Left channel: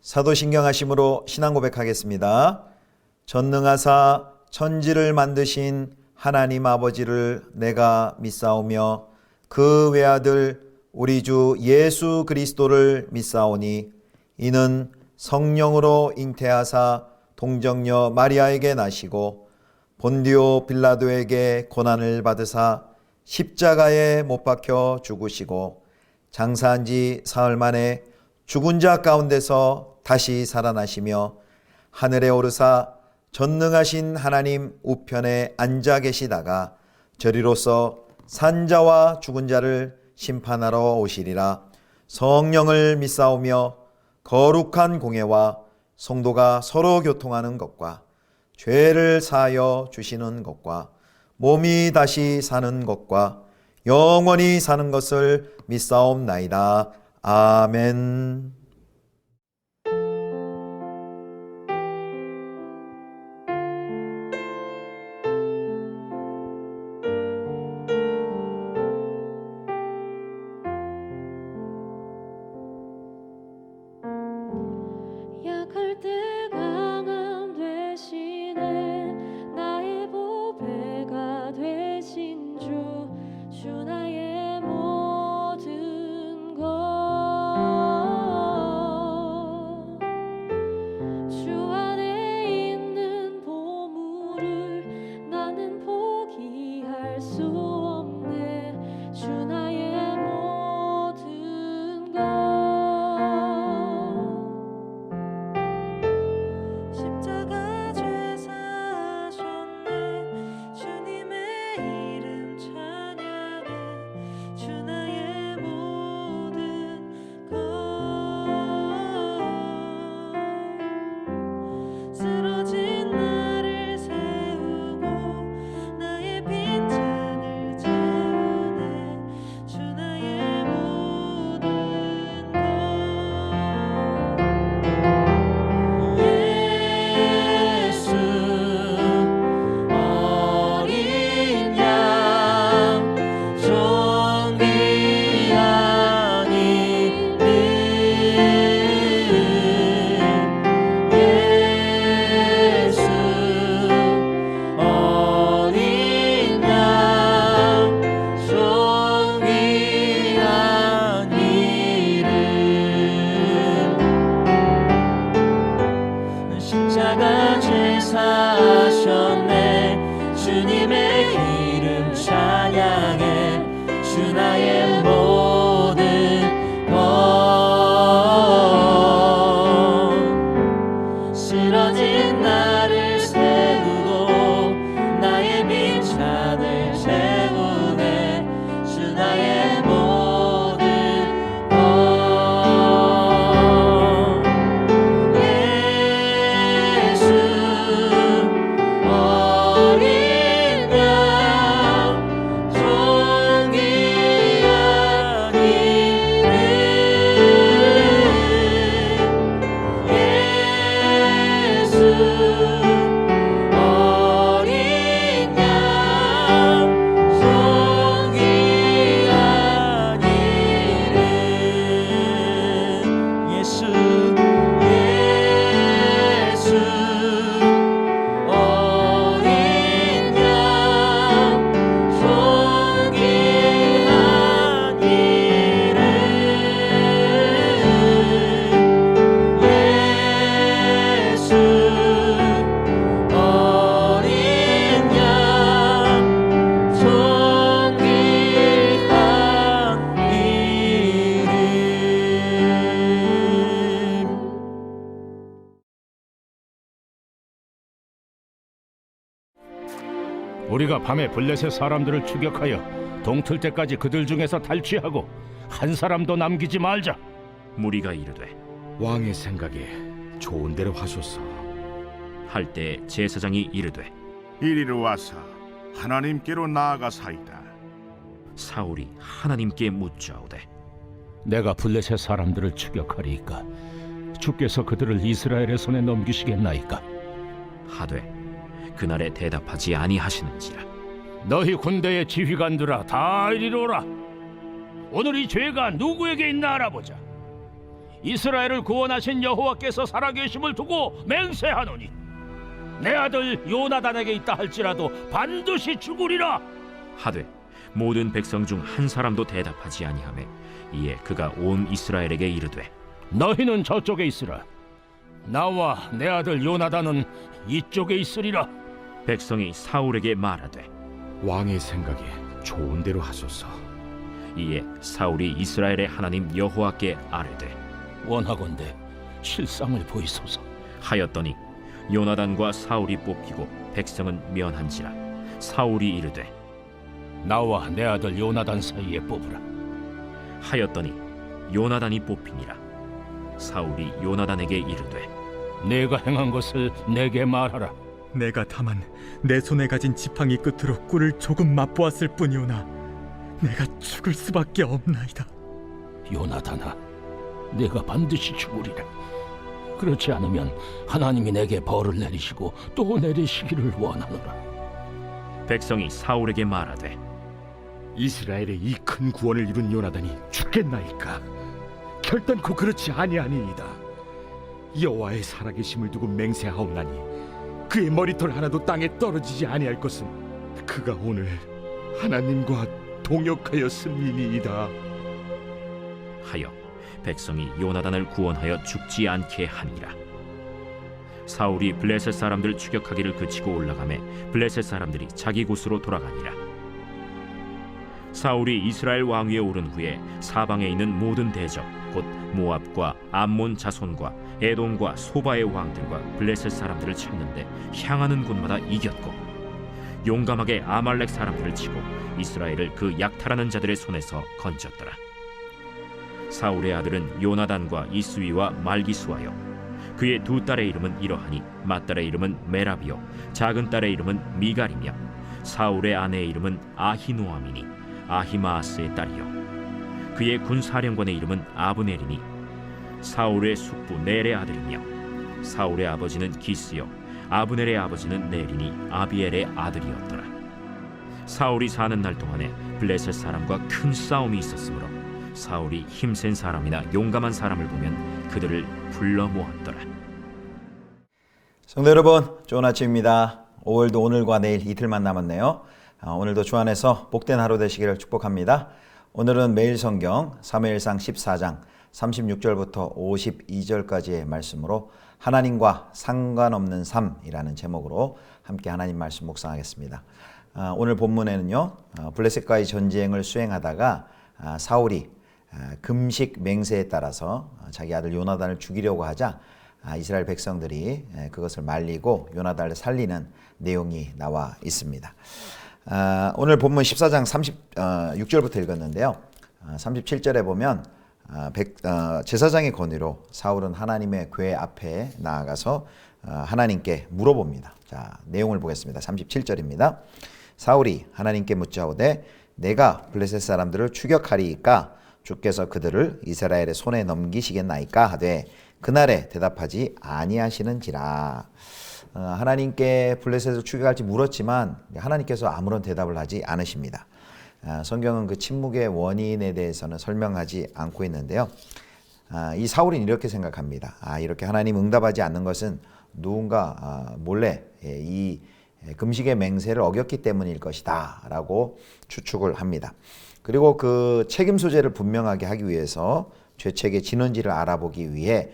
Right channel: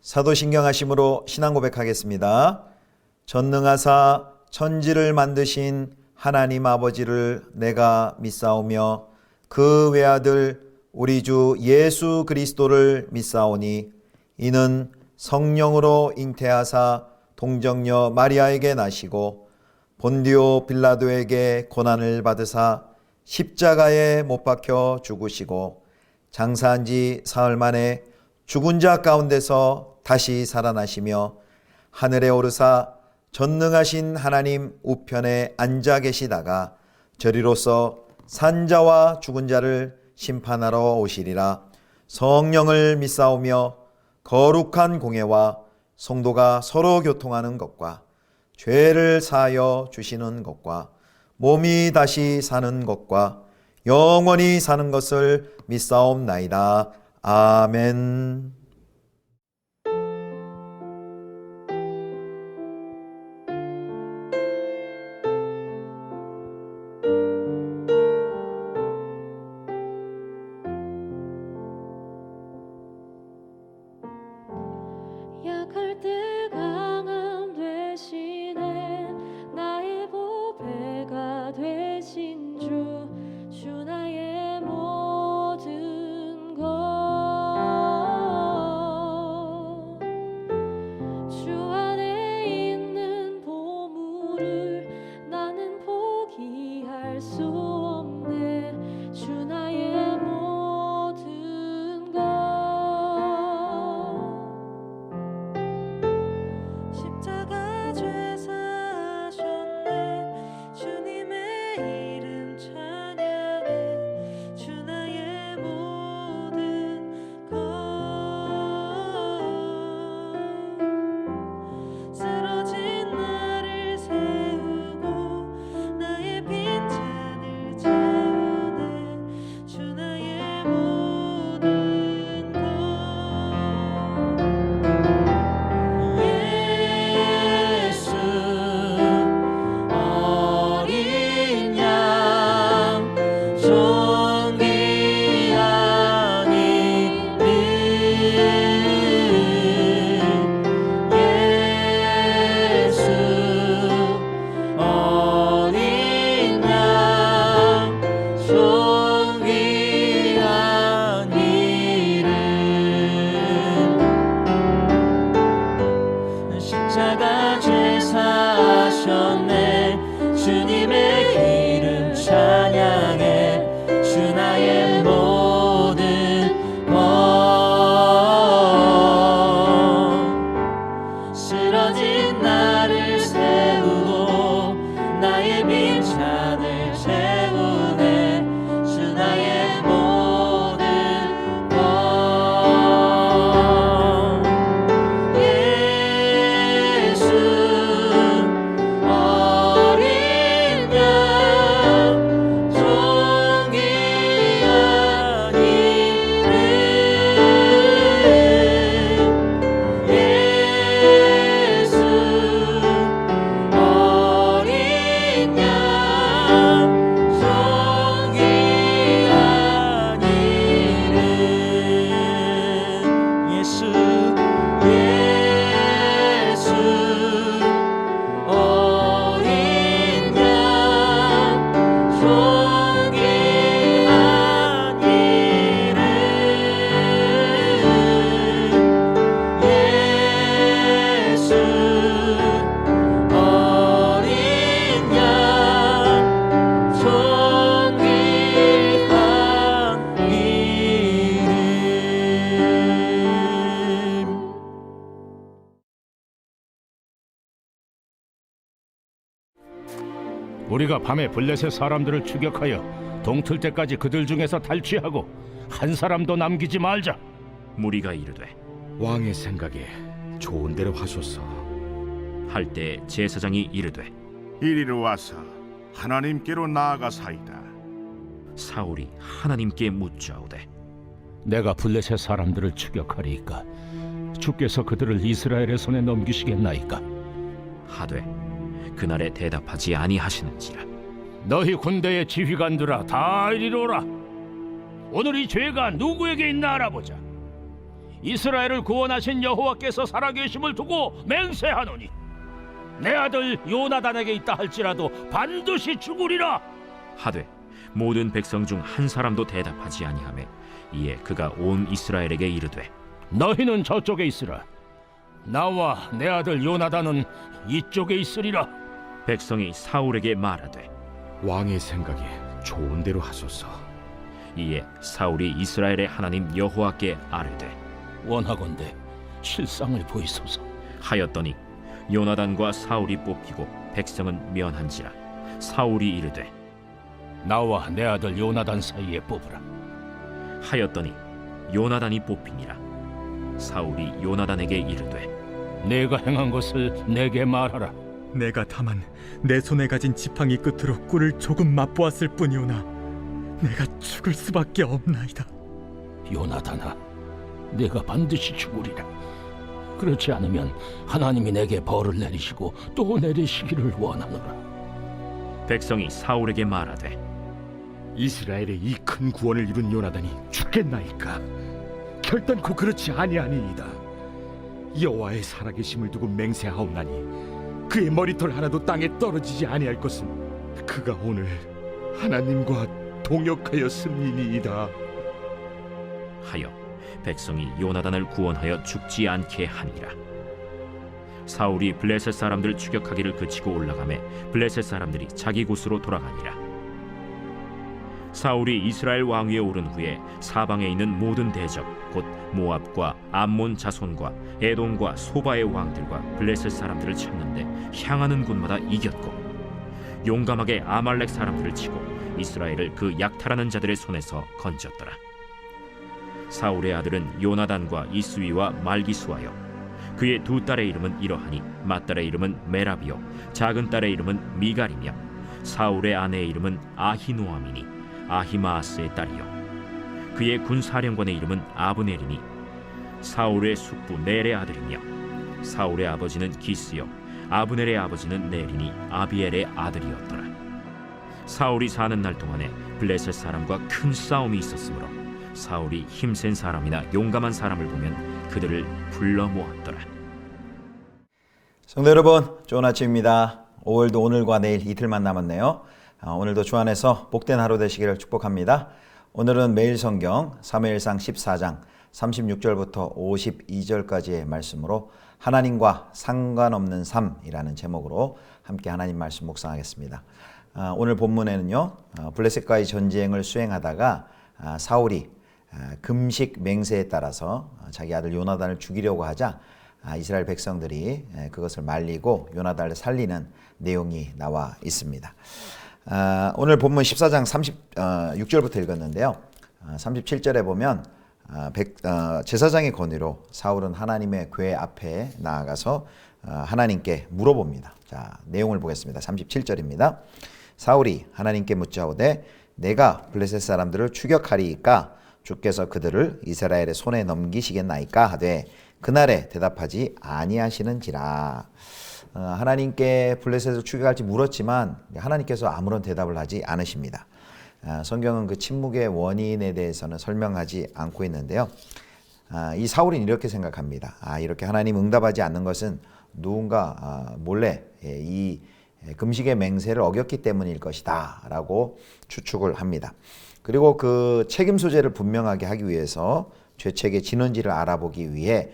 사도신경하심으로 신앙 고백하겠습니다. 전능하사 천지를 만드신 하나님 아버지를 내가 믿사오며 그 외아들 우리 주 예수 그리스도를 믿사오니 이는 성령으로 잉태하사 동정녀 마리아에게 나시고 본디오 빌라도에게 고난을 받으사 십자가에 못 박혀 죽으시고 장사한 지 사흘 만에 죽은 자 가운데서 다시 살아나시며 하늘에 오르사 전능하신 하나님 우편에 앉아 계시다가 저리로서 산자와 죽은 자를 심판하러 오시리라. 성령을 믿사오며 거룩한 공회와 성도가 서로 교통하는 것과 죄를 사하여 주시는 것과 몸이 다시 사는 것과 영원히 사는 것을 믿사옵나이다. 아멘. 약할 때 강함 되시네 나의 보배가 되신 주 나의 모든 것 주 안에 있는 보물을 나는 포기할 수 없네 주 나의 모든 것 십자가 죄 사하셨네 주님의 이름 찬양해 주 나의 모든 것 쓰러진 나를 세우고 나의 빈잔을 채우네 주 나의 모든 것 예수 어린 양 존귀한 이름 예수 어린 양 존귀한 이름 십자가 죄 사하셨네 주님의 이름 찬양해 주 나의 모든 것 쓰러진 나를 세우고 나의 빈잔을 채우네 주 나의 모든 것 예수 어린 양 존귀한 이름 예수 어린 양 존귀한 이름 예수 예수 어린 양 존귀한 이름 예수 어린 양 존귀한 이름 우리가 밤에 블레셋 사람들을 추격하여 동틀 때까지 그들 중에서 탈취하고 한 사람도 남기지 말자. 무리가 이르되 왕의 생각에 좋은 대로 하소서. 할 때 제사장이 이르되 이리로 와서 하나님께로 나아가사이다. 사울이 하나님께 묻자오되 내가 블레셋 사람들을 추격하리이까 주께서 그들을 이스라엘의 손에 넘기시겠나이까? 하되 그날에 대답하지 아니하시는지라. 너희 군대의 지휘관들아 다 이리로 오라. 오늘 이 죄가 누구에게 있나 알아보자. 이스라엘을 구원하신 여호와께서 살아계심을 두고 맹세하노니 내 아들 요나단에게 있다 할지라도 반드시 죽으리라. 하되 모든 백성 중 한 사람도 대답하지 아니하매 이에 그가 온 이스라엘에게 이르되 너희는 저쪽에 있으라. 나와 내 아들 요나단은 이쪽에 있으리라. 백성이 사울에게 말하되 왕의 생각에 좋은 대로 하소서. 이에 사울이 이스라엘의 하나님 여호와께 아뢰되 원하건대 실상을 보이소서. 하였더니 요나단과 사울이 뽑히고 백성은 면한지라. 사울이 이르되 나와 내 아들 요나단 사이에 뽑으라. 하였더니 요나단이 뽑히니라. 사울이 요나단에게 이르되 내가 행한 것을 내게 말하라. 내가 다만 내 손에 가진 지팡이 끝으로 꿀을 조금 맛보았을 뿐이오나 내가 죽을 수밖에 없나이다. 요나단아, 내가 반드시 죽으리라. 그렇지 않으면 하나님이 내게 벌을 내리시고 또 내리시기를 원하노라. 백성이 사울에게 말하되 이스라엘의 이 큰 구원을 이룬 요나단이 죽겠나이까? 결단코 그렇지 아니하니이다. 여호와의 살아계심을 두고 맹세하옵나니 그의 머리털 하나도 땅에 떨어지지 아니할 것은 그가 오늘 하나님과 동역하였음이니이다. 하여 백성이 요나단을 구원하여 죽지 않게 하니라. 사울이 블레셋 사람들 추격하기를 그치고 올라가매 블레셋 사람들이 자기 곳으로 돌아가니라. 사울이 이스라엘 왕위에 오른 후에 사방에 있는 모든 대적 곧 모압과 암몬 자손과 에돔과 소바의 왕들과 블레셋 사람들을 찾는데 향하는 곳마다 이겼고 용감하게 아말렉 사람들을 치고 이스라엘을 그 약탈하는 자들의 손에서 건졌더라. 사울의 아들은 요나단과 이스위와 말기수하여 그의 두 딸의 이름은 이러하니 맏딸의 이름은 메라비요 작은 딸의 이름은 미갈이며 사울의 아내의 이름은 아히노아미니 아히마아스의 딸이요 그의 군사령관의 이름은 아브넬이니 사울의 숙부 넬의 아들이며 사울의 아버지는 기스요 아브넬의 아버지는 넬이니 아비엘의 아들이었더라. 사울이 사는 날 동안에 블레셋 사람과 큰 싸움이 있었으므로 사울이 힘센 사람이나 용감한 사람을 보면 그들을 불러 모았더라. 성도 여러분, 좋은 아침입니다. 5월도 오늘과 내일 이틀만 남았네요. 오늘도 주 안에서 복된 하루 되시기를 축복합니다. 오늘은 매일 성경 사무엘상 14장 36절부터 52절까지의 말씀으로 하나님과 상관없는 삶이라는 제목으로 함께 하나님 말씀 묵상하겠습니다. 오늘 본문에는요, 블레셋과의 전쟁을 수행하다가 사울이 금식 맹세에 따라서 자기 아들 요나단을 죽이려고 하자 이스라엘 백성들이 그것을 말리고 요나단을 살리는 내용이 나와 있습니다. 오늘 본문 14장 36절부터 읽었는데요. 37절에 보면 제사장의 권위로 사울은 하나님의 궤 앞에 나아가서 하나님께 물어봅니다. 자, 내용을 보겠습니다. 37절입니다. 사울이 하나님께 묻자오되 내가 블레셋 사람들을 추격하리이까 주께서 그들을 이스라엘의 손에 넘기시겠나이까 하되 그날에 대답하지 아니하시는지라. 하나님께 블레셋을 추격할지 물었지만 하나님께서 아무런 대답을 하지 않으십니다. 성경은 그 침묵의 원인에 대해서는 설명하지 않고 있는데요. 이 사울은 이렇게 생각합니다. 이렇게 하나님 응답하지 않는 것은 누군가 몰래 이 금식의 맹세를 어겼기 때문일 것이다 라고 추측을 합니다. 그리고 그 책임 소재를 분명하게 하기 위해서 죄책의 진원지를 알아보기 위해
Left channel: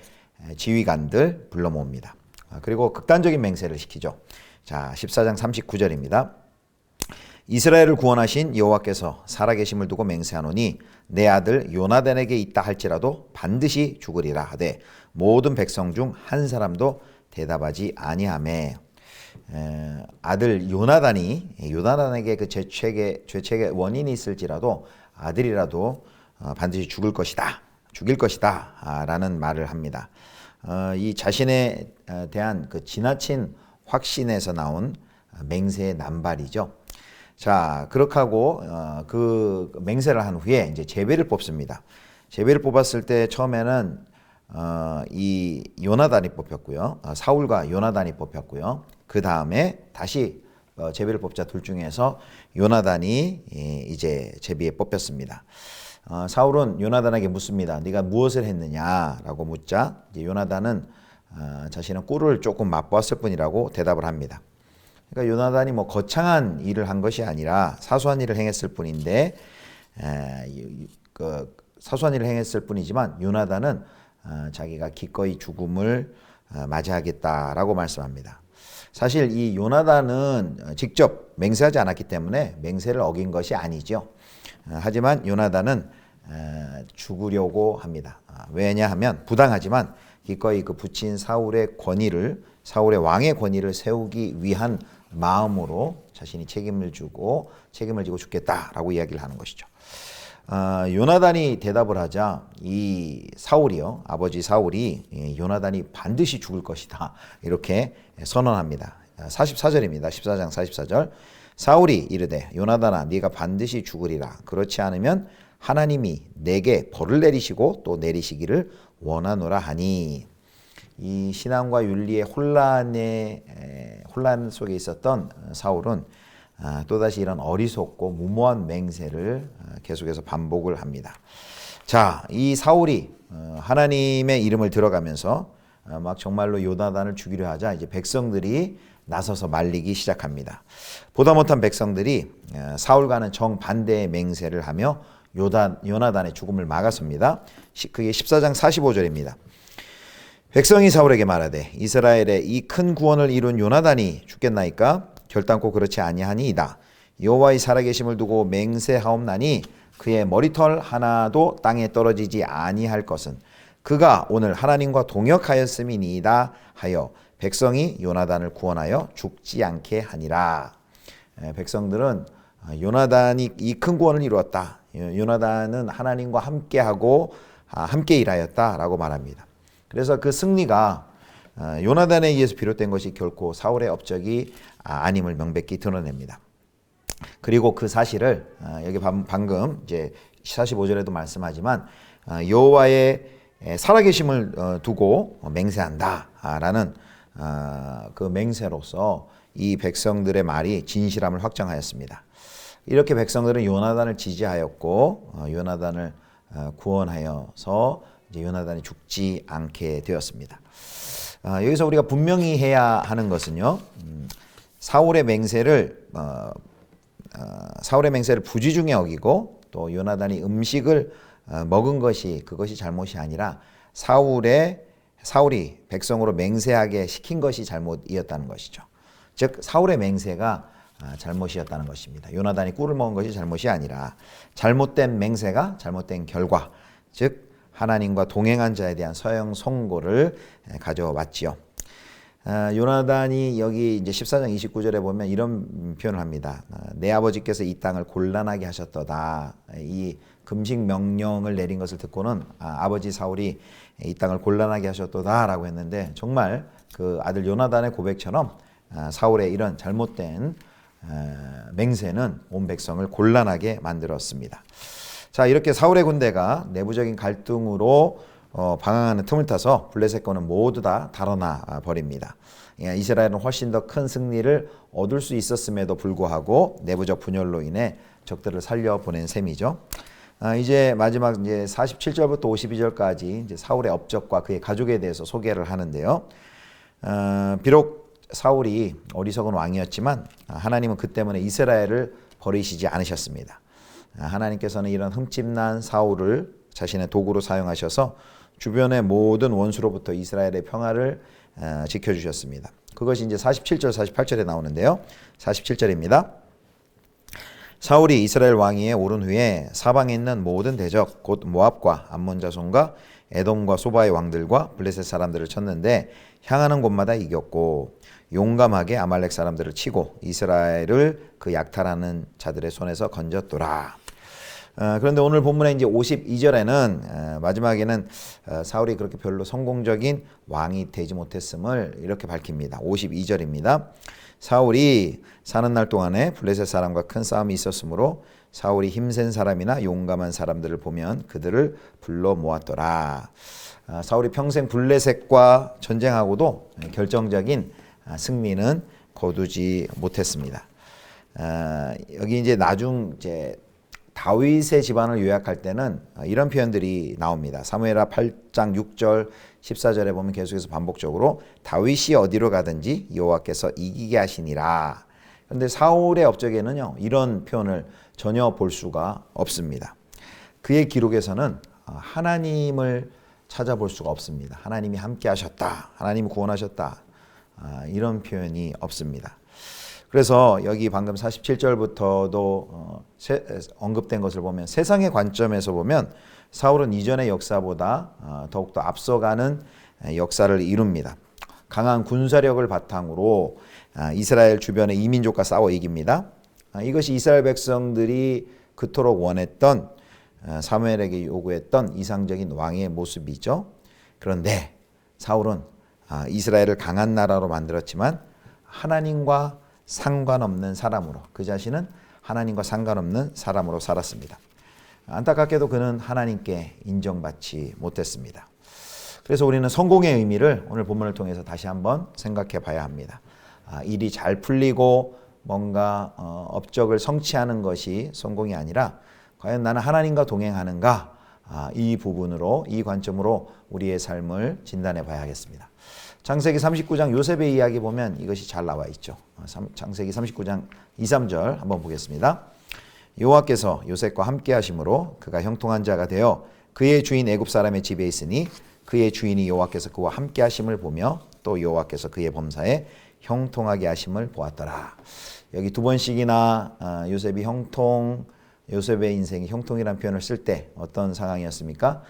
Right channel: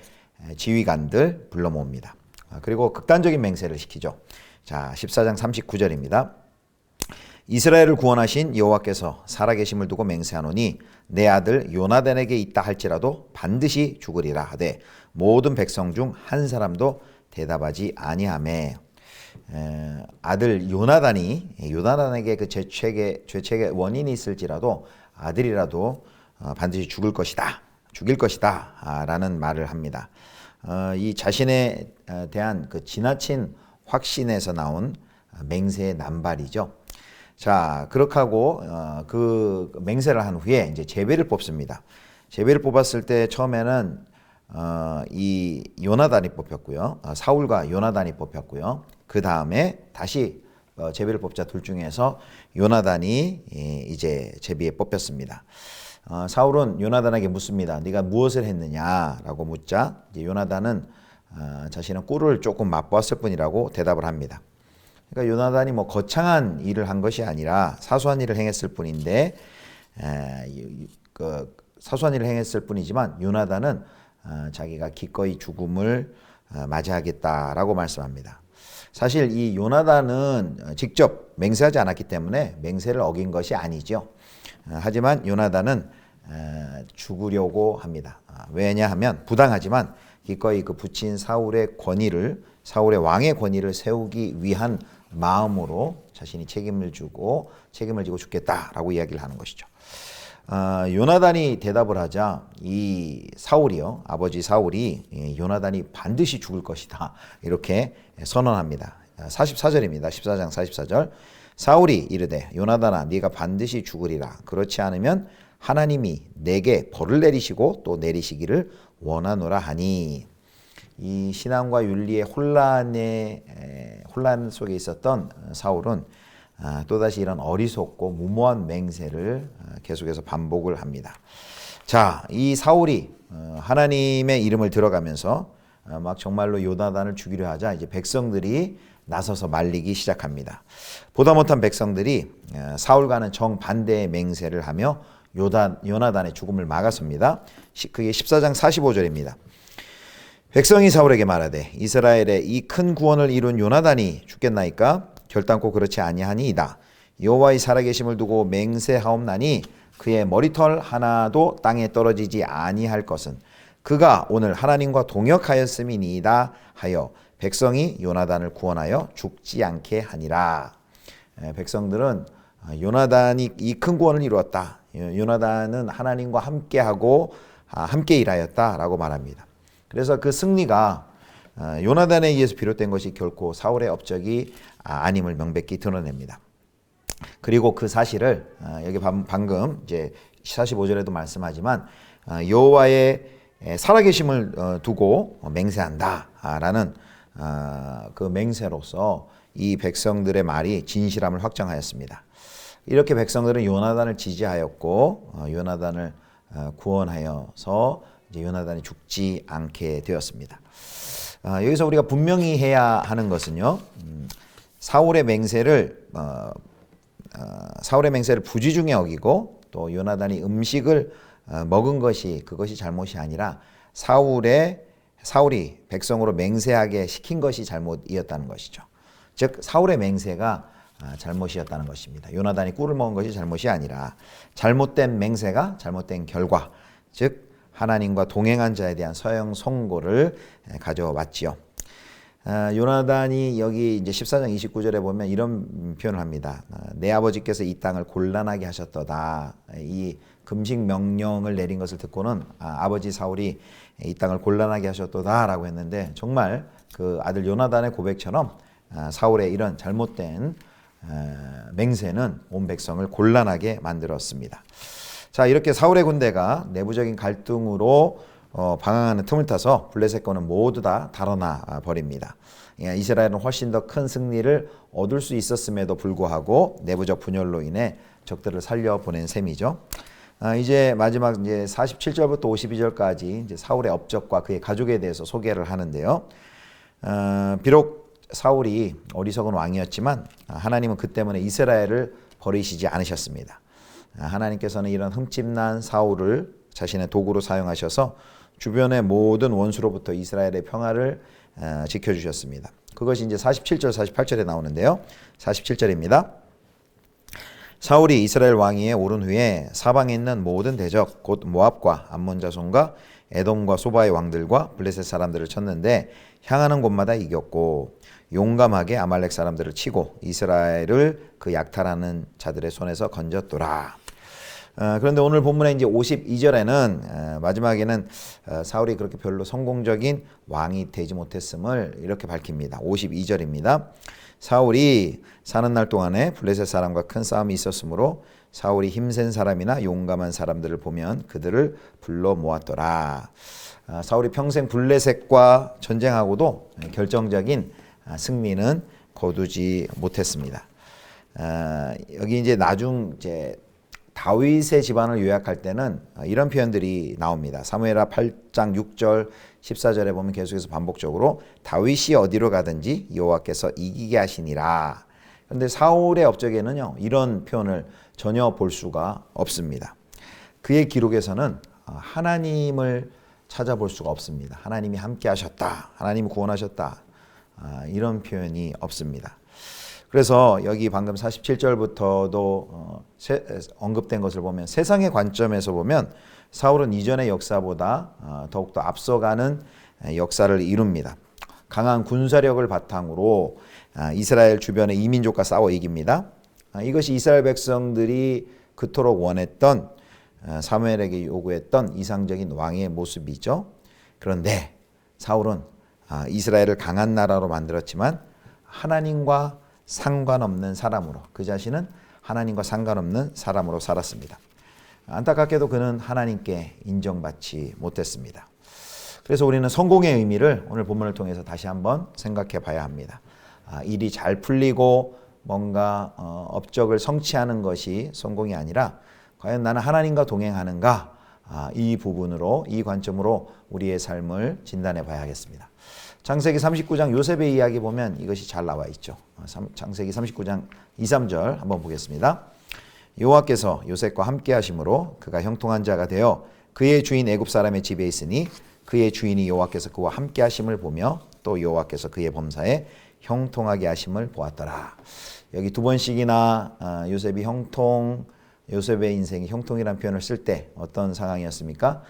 지휘관들 불러 모읍니다. 그리고 극단적인 맹세를 시키죠. 자, 14장 39절입니다. 이스라엘을 구원하신 여호와께서 살아계심을 두고 맹세하노니 내 아들 요나단에게 있다 할지라도 반드시 죽으리라 하되 모든 백성 중 한 사람도 대답하지 아니하매. 아들 요나단에게 그 죄책의 원인이 있을지라도 아들이라도 반드시 죽일 것이다 라는 말을 합니다. 이 자신에 대한 그 지나친 확신에서 나온 맹세의 남발이죠. 자, 그렇게 하고 그 맹세를 한 후에 이제 제비를 뽑습니다. 제비를 뽑았을 때 처음에는 이 요나단이 뽑혔고요. 사울과 요나단이 뽑혔고요. 그 다음에 다시 제비를 뽑자 둘 중에서 요나단이 이제 제비에 뽑혔습니다. 사울은 요나단에게 묻습니다. 네가 무엇을 했느냐라고 묻자 이제 요나단은 자신은 꿀을 조금 맛보았을 뿐이라고 대답을 합니다. 그러니까 요나단이 뭐 거창한 일을 한 것이 아니라 사소한 일을 행했을 뿐인데 사소한 일을 행했을 뿐이지만 요나단은 자기가 기꺼이 죽음을 맞이하겠다라고 말씀합니다. 사실 이 요나단은 직접 맹세하지 않았기 때문에 맹세를 어긴 것이 아니죠. 하지만 요나단은 죽으려고 합니다. 왜냐하면 부당하지만 기꺼이 그 붙인 사울의 왕의 권위를 세우기 위한 마음으로 자신이 책임을 지고 죽겠다라고 이야기를 하는 것이죠. 요나단이 대답을 하자 이 사울이요, 아버지 사울이 요나단이 반드시 죽을 것이다 이렇게 선언합니다. 44절입니다. 14장 44절. 사울이 이르되 요나단아 네가 반드시 죽으리라. 그렇지 않으면 하나님이 내게 벌을 내리시고 또 내리시기를 원하노라 하니. 이 신앙과 윤리의 혼란 속에 있었던 사울은 또다시 이런 어리석고 무모한 맹세를 계속해서 반복을 합니다. 자, 이 사울이 하나님의 이름을 들어가면서 막 정말로 요나단을 죽이려 하자 이제 백성들이 나서서 말리기 시작합니다. 보다 못한 백성들이 사울과는 정반대의 맹세를 하며 요나단의 죽음을 막았습니다. 그게 14장 45절입니다. 백성이 사울에게 말하되 이스라엘의 이 큰 구원을 이룬 요나단이 죽겠나이까? 결단코 그렇지 아니하니이다. 여호와의 살아계심을 두고 맹세하옵나니 그의 머리털 하나도 땅에 떨어지지 아니할 것은 그가 오늘 하나님과 동역하였음이니이다 하여 백성이 요나단을 구원하여 죽지 않게 하니라. 백성들은 요나단이 이 큰 구원을 이루었다. 요나단은 하나님과 함께하고 함께 일하였다라고 말합니다. 그래서 그 승리가 요나단에 의해서 비롯된 것이 결코 사울의 업적이 아님을 명백히 드러냅니다. 그리고 그 사실을 여기 방금 이제 45절에도 말씀하지만 여호와의 살아계심을 두고 맹세한다라는 그 맹세로서 이 백성들의 말이 진실함을 확정하였습니다. 이렇게 백성들은 요나단을 지지하였고 요나단을 구원하여서 이제 요나단이 죽지 않게 되었습니다. 여기서 우리가 분명히 해야 하는 것은요, 사울의 맹세를 부지중에 어기고 또 요나단이 음식을 먹은 그것이 잘못이 아니라 사울이 백성으로 맹세하게 시킨 것이 잘못이었다는 것이죠. 즉 사울의 맹세가 잘못이었다는 것입니다. 요나단이 꿀을 먹은 것이 잘못이 아니라 잘못된 맹세가 잘못된 결과, 즉 하나님과 동행한 자에 대한 서형 선고를 가져왔지요. 요나단이 여기 이제 14장 29절에 보면 이런 표현을 합니다. 내 아버지께서 이 땅을 곤란하게 하셨도다. 이 금식 명령을 내린 것을 듣고는 아버지 사울이 이 땅을 곤란하게 하셨도다라고 했는데 정말 그 아들 요나단의 고백처럼 사울의 이런 잘못된 맹세는 온 백성을 곤란하게 만들었습니다. 자, 이렇게 사울의 군대가 내부적인 갈등으로 방황하는 틈을 타서 블레셋군은 모두 다 달아나 버립니다. 이스라엘은 훨씬 더 큰 승리를 얻을 수 있었음에도 불구하고 내부적 분열로 인해 적들을 살려보낸 셈이죠. 이제 마지막 이제 47절부터 52절까지 이제 사울의 업적과 그의 가족에 대해서 소개를 하는데요. 비록 사울이 어리석은 왕이었지만 하나님은 그 때문에 이스라엘을 버리시지 않으셨습니다. 하나님께서는 이런 흠집난 사울을 자신의 도구로 사용하셔서 주변의 모든 원수로부터 이스라엘의 평화를 지켜주셨습니다. 그것이 이제 47절, 48절에 나오는데요. 47절입니다. 사울이 이스라엘 왕위에 오른 후에 사방에 있는 모든 대적 곧 모압과 암몬 자손과 에돔과 소바의 왕들과 블레셋 사람들을 쳤는데 향하는 곳마다 이겼고 용감하게 아말렉 사람들을 치고 이스라엘을 그 약탈하는 자들의 손에서 건졌더라. 그런데 오늘 본문의 이제 52절에는 마지막에는 사울이 그렇게 별로 성공적인 왕이 되지 못했음을 이렇게 밝힙니다. 52절입니다. 사울이 사는 날 동안에 블레셋 사람과 큰 싸움이 있었으므로 사울이 힘센 사람이나 용감한 사람들을 보면 그들을 불러 모았더라. 사울이 평생 블레셋과 전쟁하고도 결정적인 승리는 거두지 못했습니다. 여기 이제 나중 이제 다윗의 집안을 요약할 때는 이런 표현들이 나옵니다. 사무엘하 8장 6절 14절에 보면 계속해서 반복적으로 다윗이 어디로 가든지 여호와께서 이기게 하시니라. 그런데 사울의 업적에는요, 이런 표현을 전혀 볼 수가 없습니다. 그의 기록에서는 하나님을 찾아볼 수가 없습니다. 하나님이 함께 하셨다, 하나님이 구원하셨다, 이런 표현이 없습니다. 그래서 여기 방금 47절부터도 언급된 것을 보면 세상의 관점에서 보면 사울은 이전의 역사보다 더욱더 앞서가는 역사를 이룹니다. 강한 군사력을 바탕으로 이스라엘 주변의 이민족과 싸워 이깁니다. 이것이 이스라엘 백성들이 그토록 원했던, 사무엘에게 요구했던 이상적인 왕의 모습이죠. 그런데 사울은 이스라엘을 강한 나라로 만들었지만 하나님과 상관없는 사람으로, 그 자신은 하나님과 상관없는 사람으로 살았습니다. 안타깝게도 그는 하나님께 인정받지 못했습니다. 그래서 우리는 성공의 의미를 오늘 본문을 통해서 다시 한번 생각해 봐야 합니다. 일이 잘 풀리고 뭔가 업적을 성취하는 것이 성공이 아니라 과연 나는 하나님과 동행하는가, 이 부분으로, 이 관점으로 우리의 삶을 진단해 봐야 하겠습니다. 창세기 39장 요셉의 이야기 보면 이것이 잘 나와 있죠. 창세기 39장 2, 3절 한번 보겠습니다. 여호와께서 요셉과 함께 하심으로 그가 형통한 자가 되어 그의 주인 애굽 사람의 집에 있으니 그의 주인이 여호와께서 그와 함께 하심을 보며 또 여호와께서 그의 범사에 형통하게 하심을 보았더라. 여기 두 번씩이나 요셉이 요셉의 인생이 형통이라는 표현을 쓸 때 어떤 상황이었습니까?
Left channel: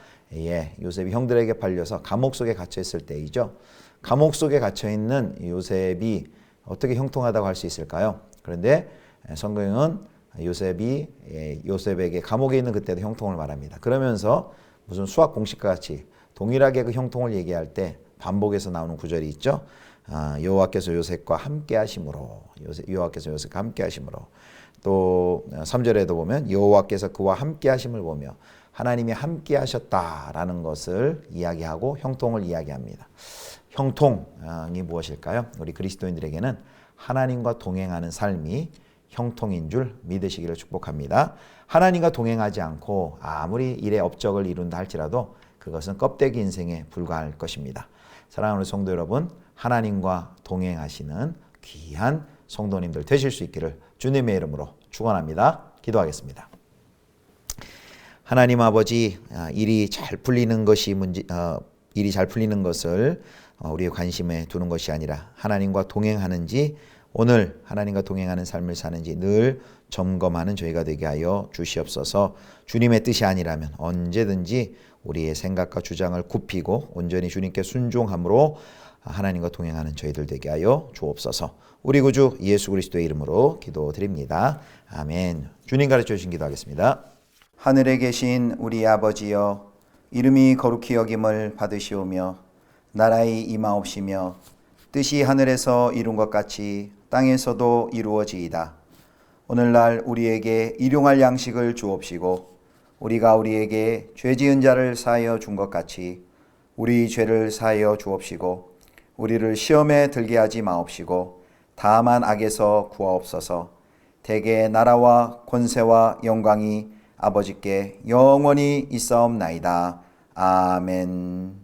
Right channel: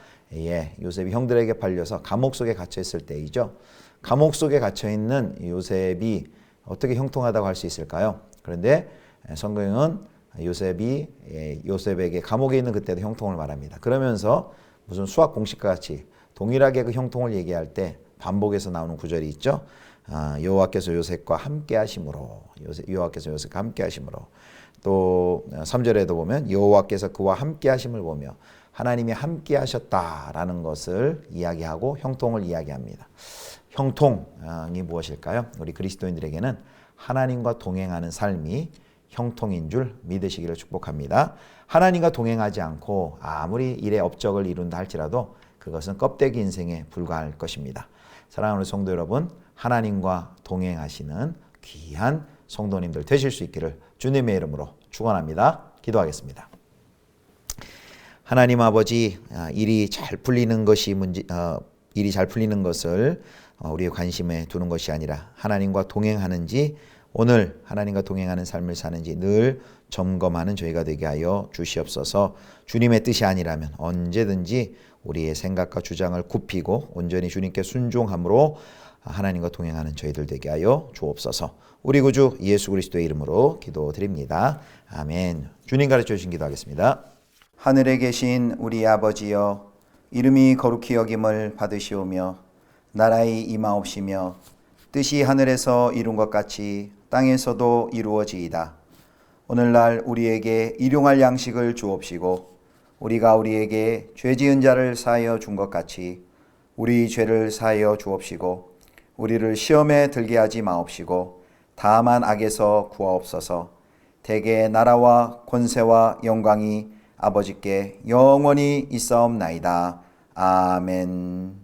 요셉이 형들에게 팔려서 감옥 속에 갇혀 있을 때이죠. 감옥 속에 갇혀 있는 요셉이 어떻게 형통하다고 할 수 있을까요? 그런데 성경은 요셉에게 감옥에 있는 그때도 형통을 말합니다. 그러면서 무슨 수학 공식과 같이 동일하게 그 형통을 얘기할 때 반복해서 나오는 구절이 있죠. 여호와께서 요셉과 함께 하심으로, 여호와께서 요셉과 함께 하심으로. 또 3절에도 보면 여호와께서 그와 함께 하심을 보며 하나님이 함께 하셨다라는 것을 이야기하고 형통을 이야기합니다. 형통이 무엇일까요? 우리 그리스도인들에게는 하나님과 동행하는 삶이 형통인 줄 믿으시기를 축복합니다. 하나님과 동행하지 않고 아무리 일의 업적을 이룬다 할지라도 그것은 껍데기 인생에 불과할 것입니다. 사랑하는 성도 여러분, 하나님과 동행하시는 귀한 성도님들 되실 수 있기를 주님의 이름으로 축원합니다. 기도하겠습니다. 하나님 아버지, 일이 잘 풀리는 것을 우리의 관심에 두는 것이 아니라 하나님과 동행하는지, 오늘 하나님과 동행하는 삶을 사는지 늘 점검하는 저희가 되게 하여 주시옵소서. 주님의 뜻이 아니라면 언제든지 우리의 생각과 주장을 굽히고 온전히 주님께 순종함으로 하나님과 동행하는 저희들 되게 하여 주옵소서. 우리 구주 예수 그리스도의 이름으로 기도드립니다. 아멘. 주님 가르쳐 주신 기도하겠습니다. 하늘에 계신 우리 아버지여, 이름이 거룩히 여김을 받으시오며 나라의 임하옵시며 뜻이 하늘에서 이룬 것 같이 땅에서도 이루어지이다. 오늘날 우리에게 일용할 양식을 주옵시고 우리가 우리에게 죄 지은 자를 사하여 준 것 같이 우리 죄를 사하여 주옵시고 우리를 시험에 들게 하지 마옵시고 다만 악에서 구하옵소서. 대개 나라와 권세와 영광이 아버지께 영원히 있사옵나이다. 아멘.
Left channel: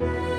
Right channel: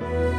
내